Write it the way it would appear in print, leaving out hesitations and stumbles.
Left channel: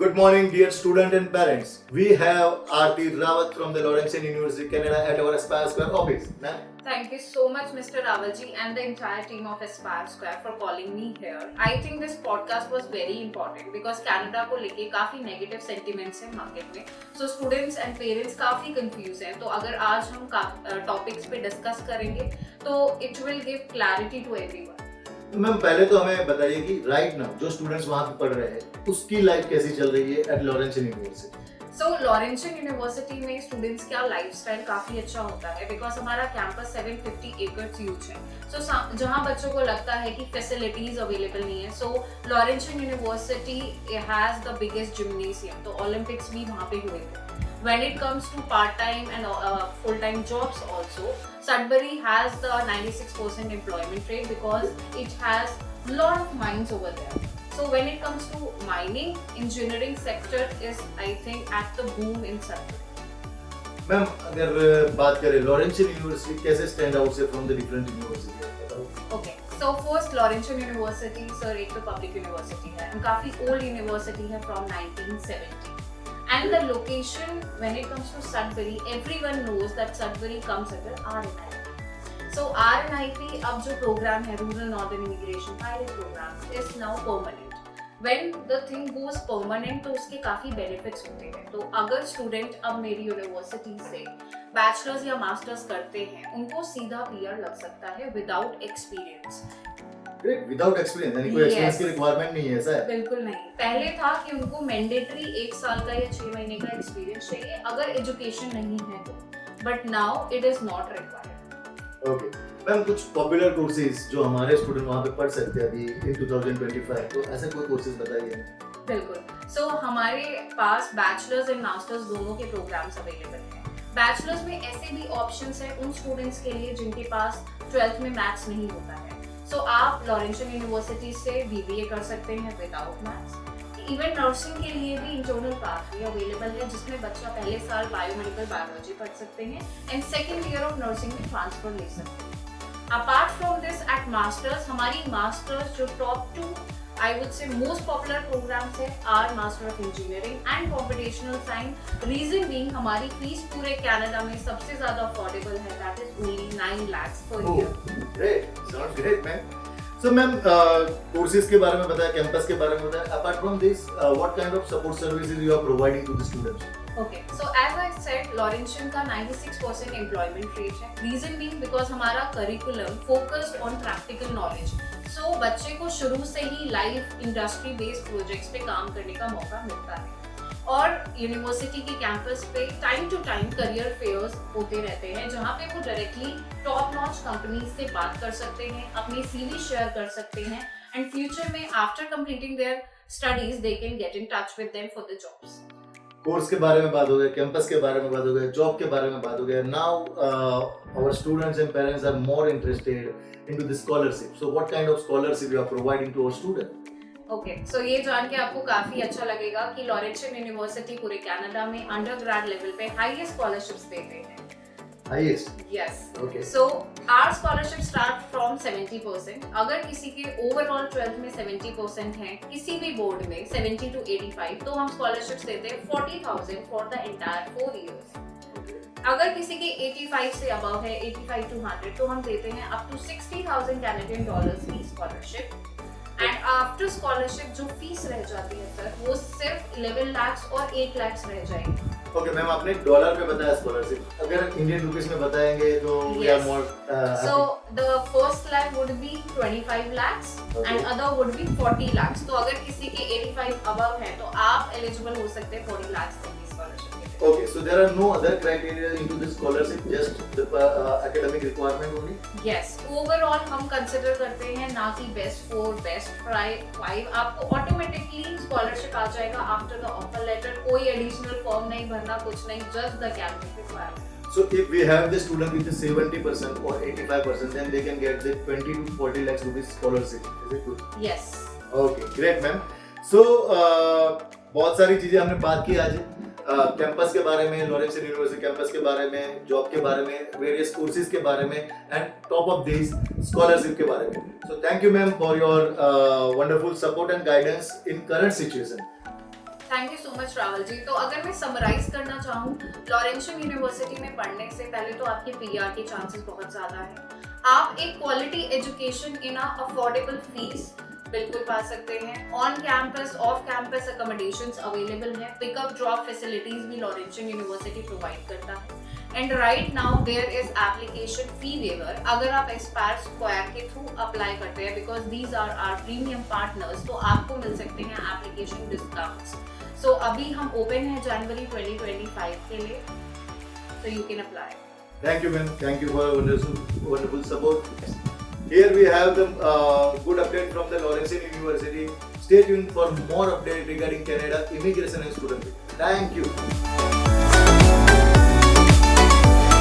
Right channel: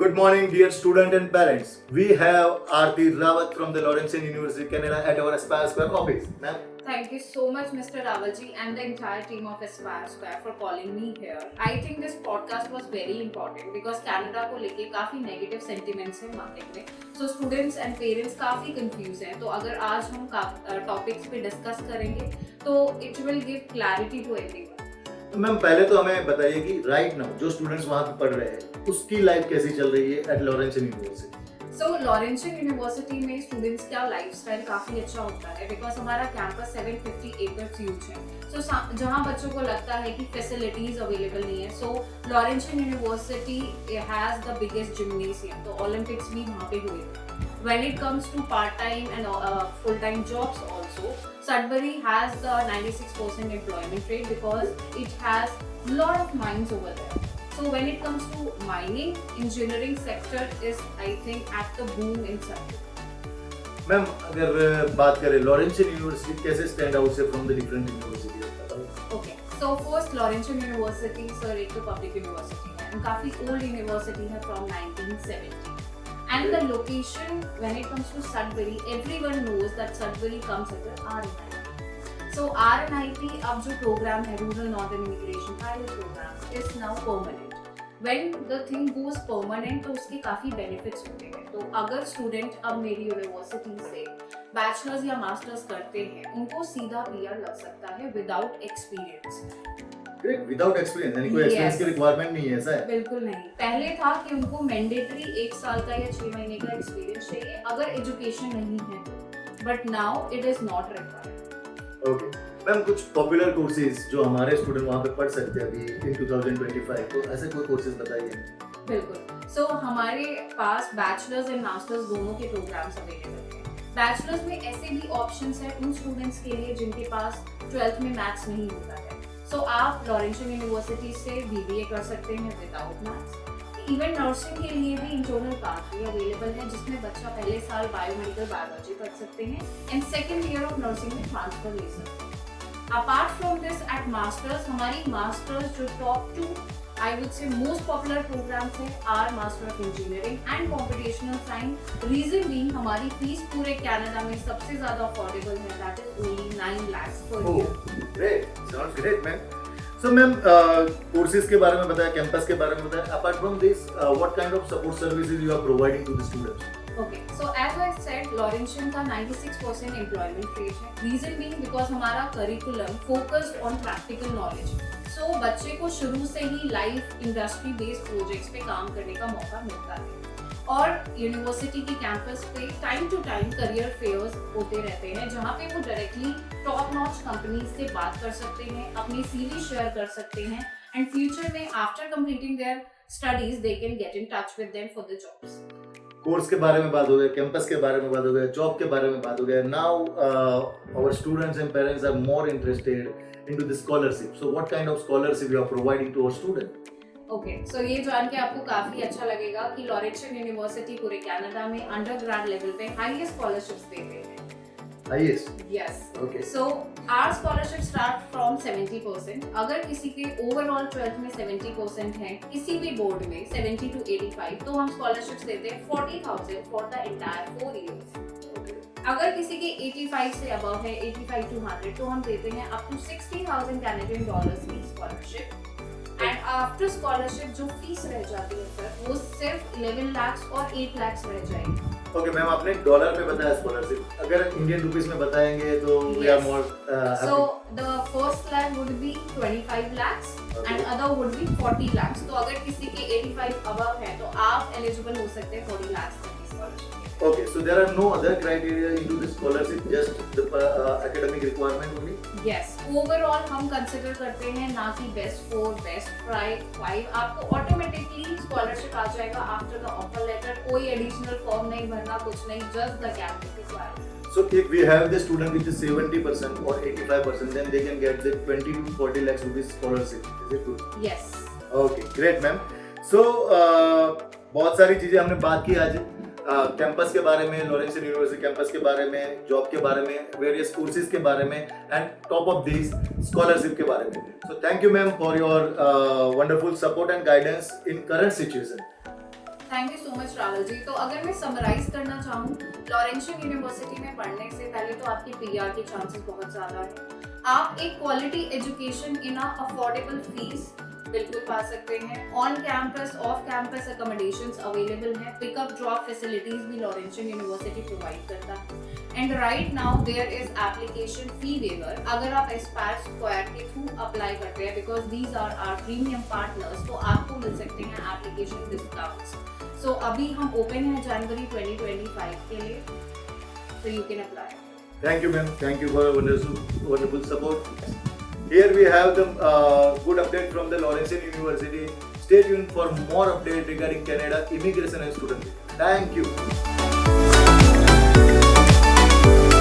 Good morning, dear student and parents. We have Aarti Rawat from the Laurentian University, Canada at our Aspire Square office. Ma'am, Thank you so much, Mr. Rawalji, and the entire team of Aspire Square for calling me here. I think this podcast was very important because Canada को लेके काफी negative sentiments हैं market में. So students and parents काफी confused हैं. तो अगर आज हम topics पे discuss करेंगे, तो it will give clarity to everyone. Ma'am पहले तो हमें बताइए कि राइट नाउ जो स्टूडेंट्स वहाँ पे पढ़ रहे हैं उसकी लाइफ कैसी चल रही है एट लॉरेंशियन यूनिवर्सिटी. सो लॉरेंशियन यूनिवर्सिटी में स्टूडेंट्स का लाइफस्टाइल काफी अच्छा होता है बिकॉज हमारा कैंपस 750 एकर्स ह्यूज है. सो जहाँ बच्चों को लगता है कि फैसिलिटीज अवेलेबल नहीं है, so Laurentian university has the biggest gymnasium, तो ओलंपिक्स भी वहाँ पे हुए थे. When it comes to part-time and full-time jobs also, Sudbury has the 96% employment rate because it has a lot of mines over there. So when it comes to mining, engineering sector is, I think, at the boom in Sudbury. Ma'am अगर बात करें Laurentian university कैसे stand out से from the different university बताओ. Okay, so first Laurentian University, sir, एक तो public university है and काफी old university है from 1970. And the location, when it comes to Sudbury, everyone knows that Sudbury comes under RNIT. So RNIT अब जो program है Rural Northern Immigration Pilot Program is now permanent. When the thing goes permanent तो उसके काफी benefits होते हैं. तो अगर student अब मेरी university से bachelor's या master's करते हैं, उनको सीधा PR लग सकता है without experience. Great, without experience यानी कोई एक्सपीरियंस की रिक्वायरमेंट नहीं है, ऐसा है? बिल्कुल नहीं. पहले था कि उनको मैंडेटरी 1 साल का या 6 महीने का एक्सपीरियंस चाहिए अगर एजुकेशन नहीं है तो, but now it is not required. Okay ma'am, कुछ पॉपुलर कोर्सेज जो हमारे स्टूडेंट वहाँ पे पढ़ सकते हैं अभी इन 2025, तो ऐसे कोई कोर्सेज बताइए. बिल्कुल. सो हमारे पास बैचलर्स एंड मास्टर्स दोनों के प्रोग्राम्स अवेलेबल हैं. बैचलर्स में ऐसे भी ऑप्शंस हैं उन स्टूडेंट्स के लिए जिनके पास 12th में मैथ्स नहीं होता है. सो आप लॉरेंशियन यूनिवर्सिटी से BBA कर सकते हैं विदाउट मैथ्स. इवन नर्सिंग के लिए भी इंटरनल पाथवे अवेलेबल है जिसमें बच्चा पहले साल बायोमेडिकल बायोलॉजी पढ़ सकते हैं and second year of nursing में ट्रांसफर ले सकते हैं. Apart from this eight masters, हमारी मास्टर्स जो top 2 I would say most popular programs है are Master of Engineering and Computational Science. Reason being हमारी फीस पूरे कनाडा में सबसे ज्यादा अफोर्डेबल है, that is only 9 lakhs per year. Great, sounds great, man. So ma'am courses के बारे में बताया, कैंपस के बारे में बताया. Apart from this what kind of support services you are providing to the students? Okay, so as I said, Laurentian का 96% employment rate है. Reason being because हमारा curriculum focused on practical knowledge. So बच्चे को शुरू से ही life industry based projects पे काम करने का मौका मिलता है. और यूनिवर्सिटी के कैंपस पे time to time career fairs होते रहते हैं जहाँ पे वो डायरेक्टली टॉप नॉच कंपनीज से बात कर सकते हैं, अपनी CV शेयर कर सकते हैं एंड फ्यूचर में after completing their studies they can get in touch with them for the jobs. Course के बारे में बात हो गया, कैंपस के बारे में बात हो गया, जॉब के बारे में बात हो गया. Now our students and parents are more interested into the scholarship. So what kind of scholarship you are providing to our student? Okay, so ये जान के आपको काफी अच्छा लगेगा कि लॉरेंशियन यूनिवर्सिटी पूरे कनाडा में अंडरग्रेड लेवल पे हाईएस्ट स्कॉलरशिप्स देते हैं. Highest? Yes. Okay. So our scholarship start from 70%. अगर किसी के ओवरऑल 12th में 70% है, किसी भी बोर्ड में 70 to 85, तो हम स्कॉलरशिप्स देते हैं 40,000 फॉर द एंटायर 4 इयर्स. अगर किसी के 85 से अबव है, 85 to 100, तो हम देते हैं अप टू 60,000 कैनेडियन डॉलर्स की स्कॉलरशिप. एंड आफ्टर स्कॉलरशिप जो फीस रह जाती है सर, वो सिर्फ 11 lakhs और 8 lakhs रह जाएंगे. ओके मैम, आपने डॉलर में बताया स्कॉलरशिप, अगर इंडियन रुपीस में बताएंगे तो we are more. So the first lakh would be 25 lakhs and other would be 40 lakhs. तो अगर किसी के 85 above है तो आप eligible हो सकते हैं 40 lakhs तक की स्कॉलरशिप के लिए. Okay, so there are no other criteria into the scholarship, just the academic requirement only? Yes, overall हम consider करते हैं ना कि best 4, best 5. आपको automatically scholarship आ जाएगा after the offer letter. कोई additional form नहीं भरना, कुछ नहीं, just the academic requirement. So if we have the student with the 70% or 85%, then they can get the 20 to 40 lakhs rupees scholarship. Is it good? Yes. Okay, great ma'am. So बहुत सारी चीजें हमने बात की आज. कैंपस के बारे में, लॉरेंशियन यूनिवर्सिटी कैंपस के बारे में, जॉब के बारे में, वेरियस कोर्सेज के बारे में and top of this scholarship के बारे में. So thank you ma'am for your wonderful support and guidance in current situation. Thank you so much Rahul ji. तो अगर मैं समराइज करना चाहूँ, लॉरेंशियन यूनिवर्सिटी में पढ़ने से पहले तो आपकी पीआर के चांसेस बहुत ज़्यादा है। आप एक quality education in a affordable fees बिल्कुल पा सकते हैं। On campus off campus accommodations available हैं। पिकअप ड्रॉप फैसिलिटीज भी लॉरेंशियन यूनिवर्सिटी प्रोवाइड करता है। And right now there is application fee waiver. अगर आप एस्पायर स्क्वायर के थ्रू अप्लाई करते हैं, because these are our premium partners, तो आपको मिल सकते हैं एप्लीकेशन डिस्काउंट्स। सो अभी हम ओपन हैं जनवरी 2025 के लिए, so you can apply. Thank you, ma'am. Thank you for your wonderful support. Here we have the good update from the Laurentian University. Stay tuned for more update regarding Canada immigration and student visa. Thank you.